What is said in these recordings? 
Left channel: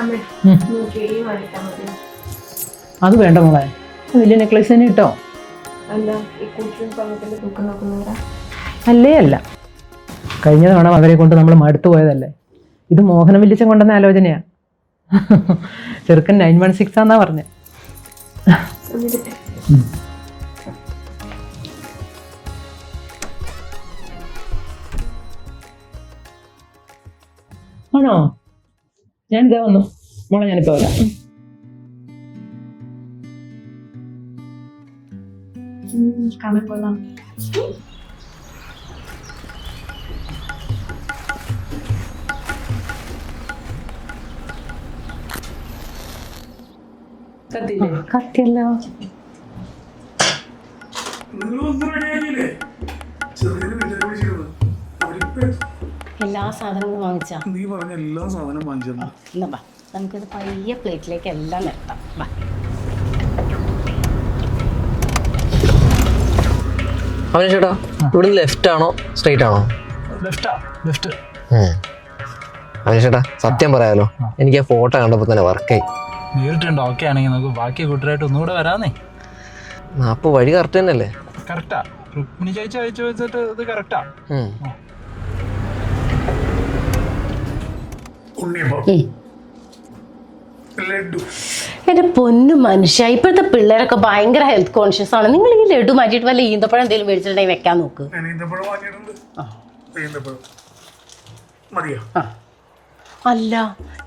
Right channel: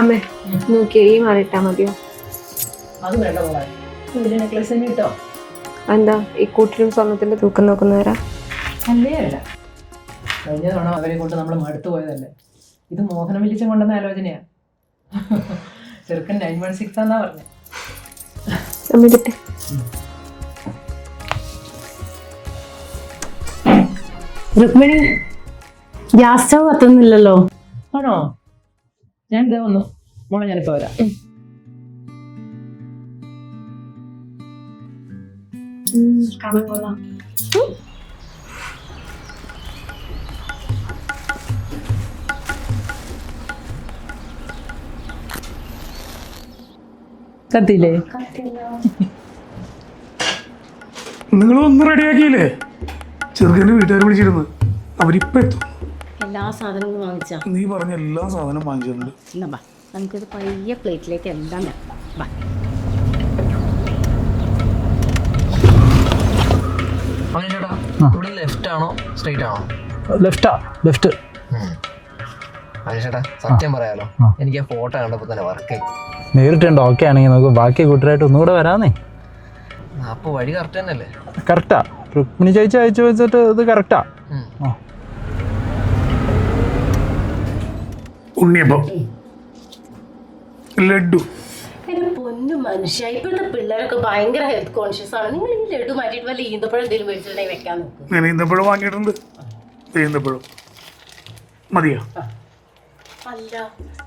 അമ്മേ നോക്കിയേ ഈ മാറിയിട്ടാ മതിയോ? അത് വേണ്ട മോളെ, വലിയ നെക്ലേസ് തന്നെ ഇട്ടോ. എന്താ ഈ കൂട്ടിലും സ്വർണത്തിന്റെ തൂക്കം നോക്കുന്നവരാ? അല്ലേ അല്ല, കഴിഞ്ഞ തവണ അവരെ കൊണ്ട് നമ്മൾ മടുത്തു പോയതല്ലേ. ഇത് മോഹനം വില്ലിച്ചൻ കൊണ്ടുവന്ന ആലോചനയാ. ചെറുക്കൻ 916 ആന്നാ പറഞ്ഞേ. രുക്മിണി, ഗ്യാസ് സ്റ്റവ് കത്തുന്നില്ലല്ലോ. ആണോ? ഞാൻ ഇതാ വന്നു മോളെ, ഞാനിപ്പോ വരാം. കാണാൻ കൊള്ളാം. കത്തിയില്ലേ? കത്തിയല്ലോ. നിങ്ങളൊന്നും റെഡിയാക്കിയില്ലേ? ചെറുക്കൻ്റെ വീട്ടുകാർ വിളിച്ചിരുന്നു, അവരിപ്പോ എത്തും. എല്ലാ സാധനങ്ങളും വാങ്ങിച്ചാ? നീ പറഞ്ഞ എല്ലാ സാധനം വാങ്ങിച്ചിട്ടുണ്ട്. എന്നാ ബാ, നമുക്കിത് പയ്യെ പ്ലേറ്റിലേക്ക് എല്ലാം നിരത്താം. ബാ. അവന് ചേട്ടാ, ഇവിടെ ലെഫ്റ്റ് ആണോ സ്ട്രൈറ്റ് ആണോ? ലെഫ്റ്റാ. ലെഫ്റ്റ്. അവന് ചേട്ടാ, സത്യം പറയാലോ, എനിക്ക് ആ ഫോട്ടോ കണ്ടപ്പോൾ തന്നെ വർക്കായി. നേരിട്ടുണ്ട്. ഓക്കെ ആണെങ്കിൽ നമുക്ക് ബാക്കി കൂട്ടരായിട്ട് ഒന്നുകൂടെ വരാന്നേ. അപ്പോൾ വഴി കറക്റ്റ് തന്നെയല്ലേ? കറക്റ്റാ. രുക്മിണി ചേച്ചി അയച്ചു വെച്ചിട്ട് ഇത് കറക്റ്റാ. ഉണ്ണിയപ്പം, ലഡു. എന്റെ പൊന്നു മനുഷ്യ, ഇപ്പോഴത്തെ പിള്ളേരൊക്കെ ഭയങ്കര ഹെൽത്ത് കോൺഷ്യസ് ആണ്. നിങ്ങൾ ഈ ലഡു മാറ്റിയിട്ട് വല്ല ഈന്തപ്പഴം എന്തെങ്കിലും മേടിച്ചിട്ടുണ്ടെങ്കിൽ വെക്കാൻ നോക്ക്. ഞാൻ ഈന്തപ്പഴം വാങ്ങിയിട്ടുണ്ട്. ഈന്തപ്പഴം മതിയോ? അല്ല,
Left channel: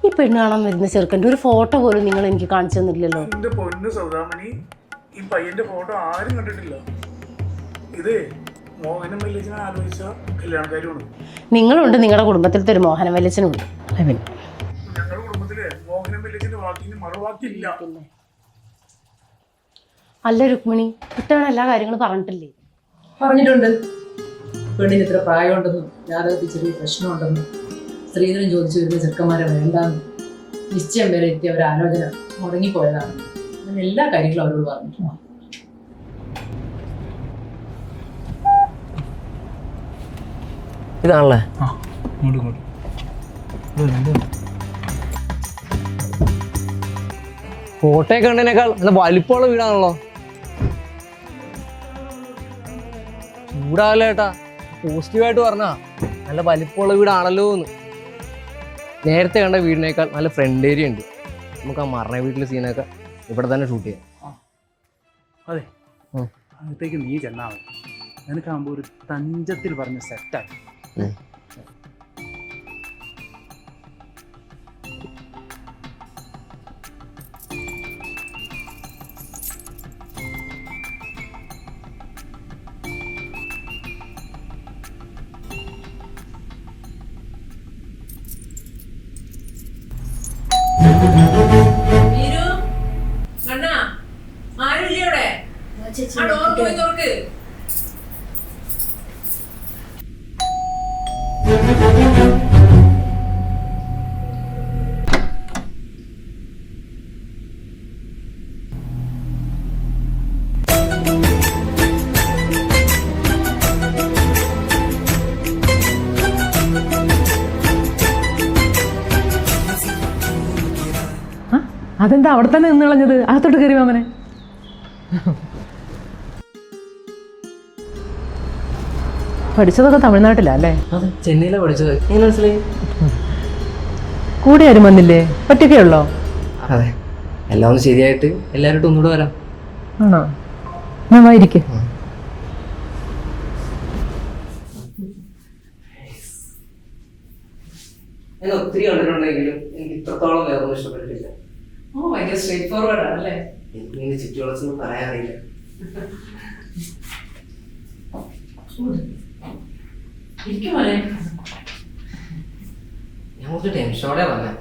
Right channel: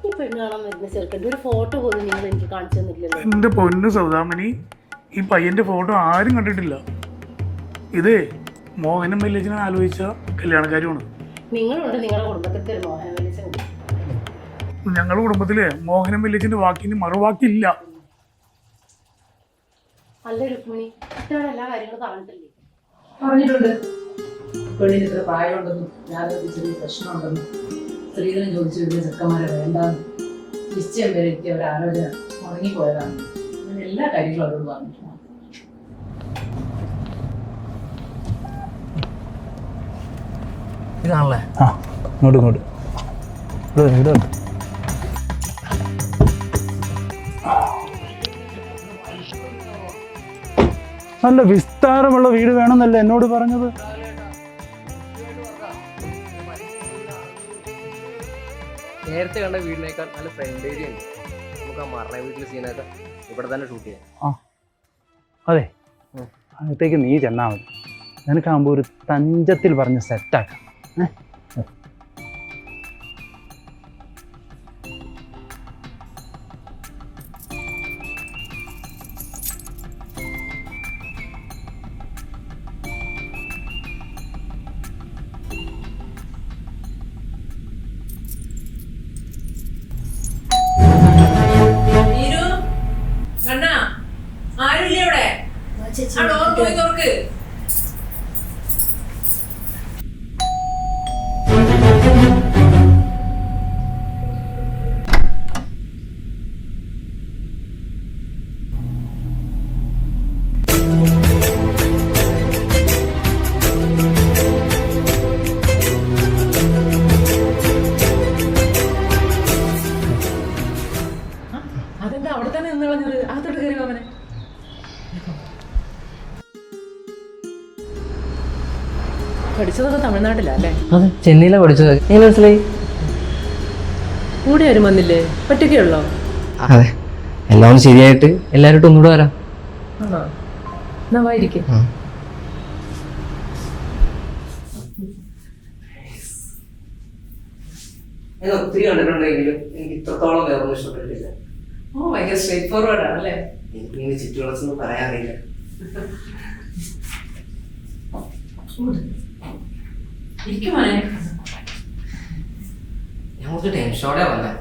ഈ പെണ്ണ് കാണാൻ വരുന്ന ചെറുക്കൻ്റെ ഒരു ഫോട്ടോ പോലും നിങ്ങൾ എനിക്ക് കാണിച്ചു തന്നില്ലല്ലോ. എന്റെ പൊന്നു സൗദാമിനി, ഈ പയ്യന്റെ ഫോട്ടോ ആരും കണ്ടിട്ടില്ല. ഇത് മോഹനം വല്യച്ഛനെ ആലോചിച്ച കല്യാണക്കാരുമാണ്. നിങ്ങളുണ്ട് നിങ്ങളുടെ കുടുംബത്തിലത്തെ ഒരു മോഹനം വല്യച്ഛനുണ്ട്. ഞങ്ങളുടെ കുടുംബത്തില് മോഹനം വല്യച്ഛന്റെ വാക്കിന് മറുവാക്കില്ല. അല്ല രുക്മിണി, കുട്ടാണ് എല്ലാ കാര്യങ്ങളും പറഞ്ഞിട്ടില്ലേ? പറഞ്ഞിട്ടുണ്ട്. പെണ്ണിന് ഇത്ര പ്രായമുണ്ടെന്നും ജാതകത്തിൽ ചെറിയ പ്രശ്നമുണ്ടെന്നും സ്ത്രീധനം ചോദിച്ചു വരുന്ന ചെറുക്കന്മാരെ വേണ്ടാന്നും നിശ്ചയം വരെ എത്തിയ ഒരു ആലോചന മുടങ്ങിപ്പോയതാണ്. അങ്ങനെ എല്ലാ കാര്യങ്ങളും അവരോട് പറഞ്ഞിട്ടുണ്ട്. ഇതാണല്ലേ? ആ, ഇങ്ങോട്ട് ഇങ്ങോട്ട്. ഫോട്ടോയൊക്കെ കണ്ടതിനേക്കാൾ നല്ല വലിപ്പമുള്ള വീടാണല്ലോ. നല്ല വിസ്താരമുള്ള വീട് വേണമെന്നല്ലേ എന്നോട് പറഞ്ഞത്? വീടാണല്ലോ ഏട്ടാ, പോസിറ്റീവായിട്ട് പറഞ്ഞാ നല്ല വലിപ്പമുള്ള വീടാണല്ലോ എന്ന്. നേരത്തെ കണ്ട വീടിനേക്കാൾ നല്ല ഫ്രണ്ട് ഏരിയ ഉണ്ട്. നമുക്ക് ആ മരണ വീട്ടിലെ സീനൊക്കെ ഇവിടെ തന്നെ ഷൂട്ട് ചെയ്യാം. അതെ, അകത്തേക്ക് നീ ചെന്നാ മതി. നിനക്കാകുമ്പോൾ ഒരു തഞ്ചത്തിൽ പറഞ്ഞ് സെറ്റാക്കാം. അതെന്താ അവിടെ തന്നെ നിന്ന് കളഞ്ഞത്? അകത്തോട്ട് കയറി അവനെ. പഠിച്ചതൊക്കെ തമിഴ്നാട്ടിലാ അല്ലേ? അത് ചെന്നൈയിലാണ് പഠിച്ചത്. എങ്ങനെ മനസ്സിലായി? കൂടെ ആരും വന്നില്ലേ? ഒറ്റയ്ക്കുള്ളോ? അതെ, എല്ലാം ശരിയായിട്ട് എല്ലാവരും ഒന്നുകൂടെ വരാം. ആണോ? ഞാൻ വായിരിക്കും. ഞാൻ ഒത്തിരി കണ്ടിട്ടുണ്ടെങ്കിലും എനിക്ക് ഇത്രത്തോളം വേറൊന്നും ഇഷ്ടപ്പെട്ടിട്ടില്ല. ഭയങ്കര സ്ട്രേറ്റ് ഫോർവേഡ് ആണല്ലേ? എനിക്ക് ചുറ്റുവളച്ചൊന്നും പറയാറില്ല. ഞാൻ കുറച്ച് ടെൻഷനോടെ വന്നേ.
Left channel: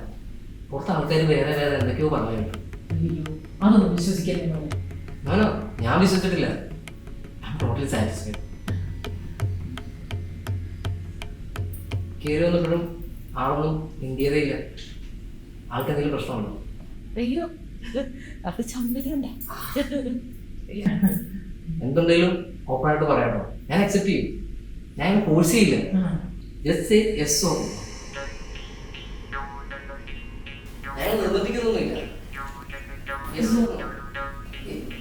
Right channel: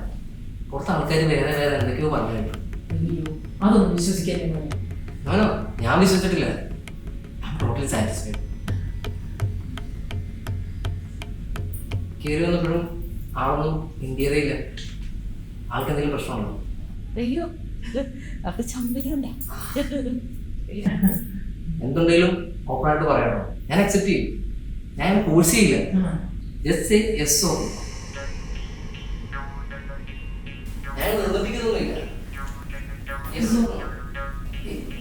പുറത്ത് ആൾക്കാർ വേറെ വേറെ എന്തൊക്കെയോ പറഞ്ഞു. അതൊന്നും വിശ്വസിക്കല്ലേ? ഞാനോ? ഞാൻ വിശ്വസിച്ചിട്ടില്ല. I am totally satisfied. കയറി വന്നപ്പോഴും ആളൊന്നും ഇന്ത്യതേ ഇല്ല. ആൾക്ക് എന്തെങ്കിലും പ്രശ്നമുണ്ടോ? അയ്യോ, അത് ചമ്മലുണ്ടോ? എന്തുണ്ടെങ്കിലും ഓപ്പണായിട്ട് പറയാട്ടോ. ഞാൻ അക്സെപ്റ്റ് ചെയ്യും. ഞാൻ ഫോഴ്സ് ചെയ്യില്ല. Just say yes or no. ഞങ്ങൾ നിർബന്ധിക്കുന്നൊന്നുമില്ല. Yes.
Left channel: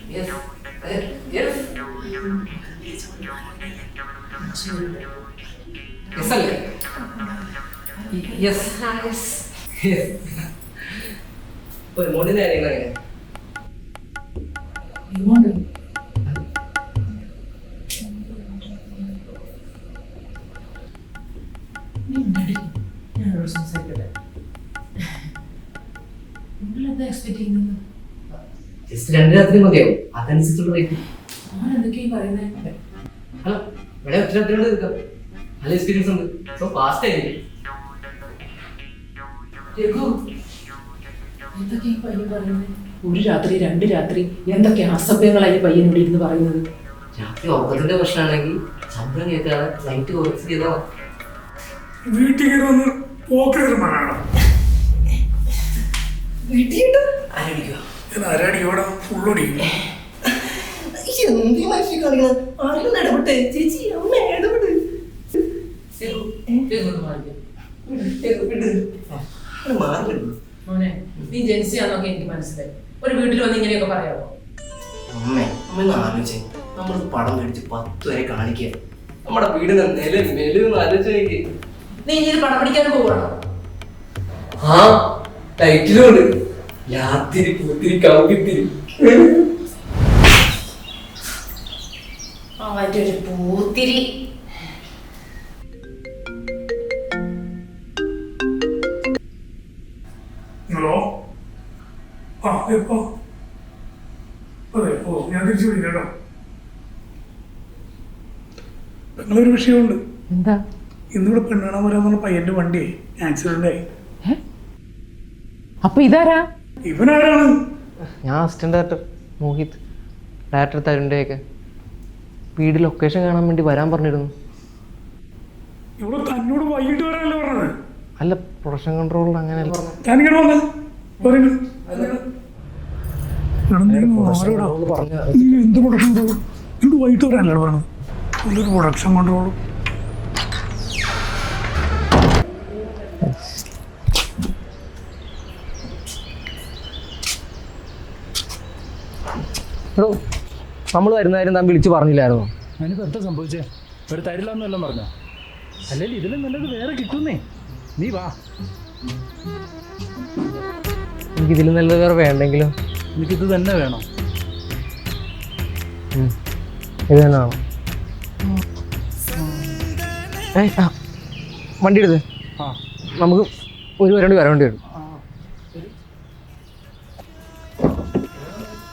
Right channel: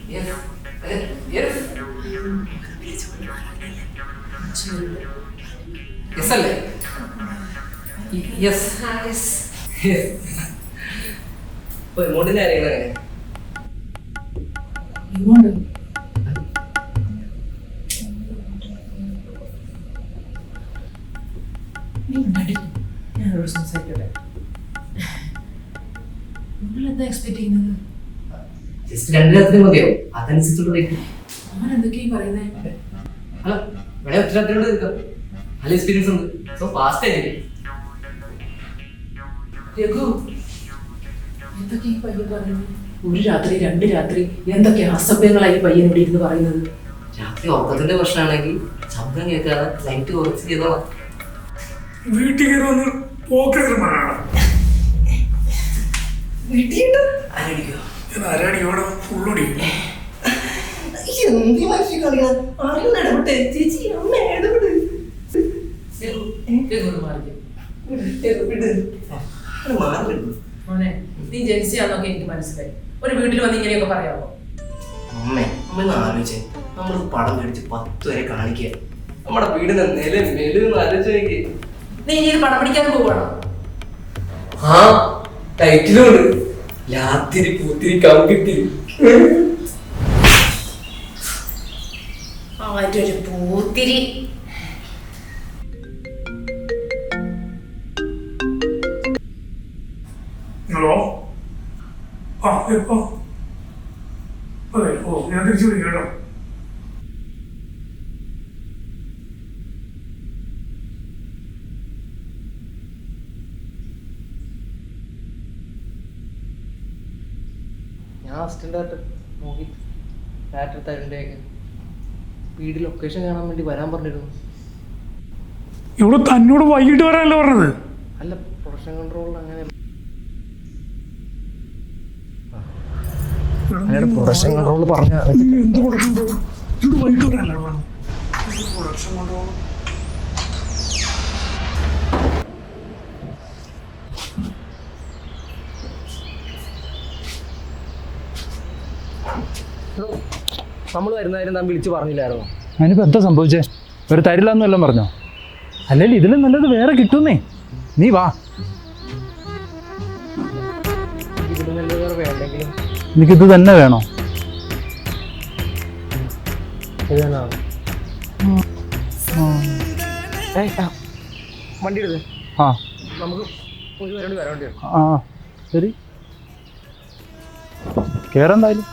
Yes. Yes. Yes അല്ലേ? Yes. Yes. ഇപ്പൊ എമൗണ്ടിന്റെ കാര്യങ്ങൾ എങ്ങനെ? എമൗണ്ട് ഞാനോട് സംസാരിക്കട്ടെ. നിങ്ങളെന്താ എക്സ്പെക്ട് ചെയ്യുന്നത്? ജസ്റ്റ് 2 രാത്രി മതിയാവും. അതനുസരിച്ചുള്ള റേറ്റ്. അവൻ എന്തൊക്കെയായി പറയുന്നത്? അല്ല ഇവിടെ ഒറ്റ രാത്രി കൊണ്ട് തീർക്കാം. നല്ല എക്സ്പീരിയൻസ് ഉണ്ട്. സോ ഫാസ്റ്റ് ആയിരിക്കും. രഘു, എന്തൊക്കെയാ ഈ പയ്യൻ പറയുന്നത്? 1 രാത്രി 2 രാത്രി എന്തൊക്കെ അസഭ്യങ്ങളായി ഈ പയ്യൻ ഇവിടെ ഇരുന്ന് പറയുന്നത്? രാത്രി ഉറക്കത്തിന്റെ പ്രശ്നമാണെങ്കിൽ ശബ്ദം കേൾക്കാതെ ലൈറ്റ് കുറച്ച് ചെയ്തോ. വീട്ടിൽ കയറി വന്ന് പോക്കരുമാനാണ് ആരടിക്കോ? ഞാൻ ആരാടി ഇവിടെ ഫുള്ളൊടിക്കും. എന്ത് മനുഷ്യ കാണിക്കണം? ആരും ഇടപെട്ടെ ചേച്ചി, അമ്മ ഇടപെട്ട്. രഘു, രഘു ഒന്ന് മാറിക്കേ. മാറില്ല മോനെ, നീ ജെൻസിയാന്നൊക്കെ എനിക്ക് മനസ്സിലായി. ഒരു വീട്ടിൽ വന്ന് ഇങ്ങനെയൊക്കെ പറയാമോ? അമ്മ ആലോചിച്ചേ, നമ്മൾ പടം മേടിച്ച് 10 വരെ കാണിക്കുക. നമ്മുടെ വീടിന്റെ നില മെലുന്ന് ആലോചിച്ച്. നീ ഇനി ഇത് പടം പിടിക്കാനും പോവാണോ? ആ ടൈറ്റിലുണ്ട്, ലാത്തിരി പൂത്തിരി കൗകിത്തിരി. അവന്റെ ഒരു പൂത്തിരി. ഹലോ. ആ എപ്പോ? അതെ. ഓ, ഞാൻ തിരിച്ചു വിളിക്കാം കേട്ടോ. നിങ്ങളൊരു വിഷയമുണ്ട്. എന്താ? ഇന്നിവിടെ പെണ്ണാണാൻ വരാൻ പറഞ്ഞ പയ്യന്റെ വണ്ടി ആക്സിഡന്റ് ആയി. അപ്പൊ ഇതാരാ? ഇവനാരാണ്? ഞാൻ അസിസ്റ്റന്റ് ഡയറക്ടർ മോഹിത്, ഡയറക്ടർ തരുണിൻ്റെയൊക്കെ വീട് ലൊക്കേഷൻ കാണാൻ വേണ്ടി വരാൻ പറഞ്ഞിരുന്നു. ഇവിടെ തന്നോട് വൈകിട്ട് വരാനല്ലോ പറഞ്ഞത്. അല്ല, പ്രൊഡക്ഷൻ കൺട്രോളിൽ അങ്ങനെ ഞാനിങ്ങനെ വന്നേ പറയുന്നു. വൈകിട്ട് വരാനല്ലോ പറഞ്ഞത്. ഇതൊരു പ്രൊഡക്ഷൻ കൺട്രോൾ. നമ്മൾ വരുന്നതായിരുന്നു താൻ വിളിച്ച് പറഞ്ഞില്ലായിരുന്നോ? അതിനിപ്പോൾ എന്താ സംഭവിച്ചേ? ഒരു തരില്ല എന്നെല്ലാം പറഞ്ഞോ? അല്ലെങ്കിൽ ഇതിലും നല്ലത് വേറെ കിട്ടുന്നേ. നീ വാ. എനിക്ക് ഇതിലും നല്ലത് വേറെ വേണ്ടെങ്കിലും എനിക്കിത് തന്നെ വേണോ? ഇത് തന്നെയാണോ? വണ്ടി എടുത്ത് ആ, നമുക്ക് ഒരു വരണ്ടി വരേണ്ടി വരും. ആ ശരി, കയറെന്തായാലും.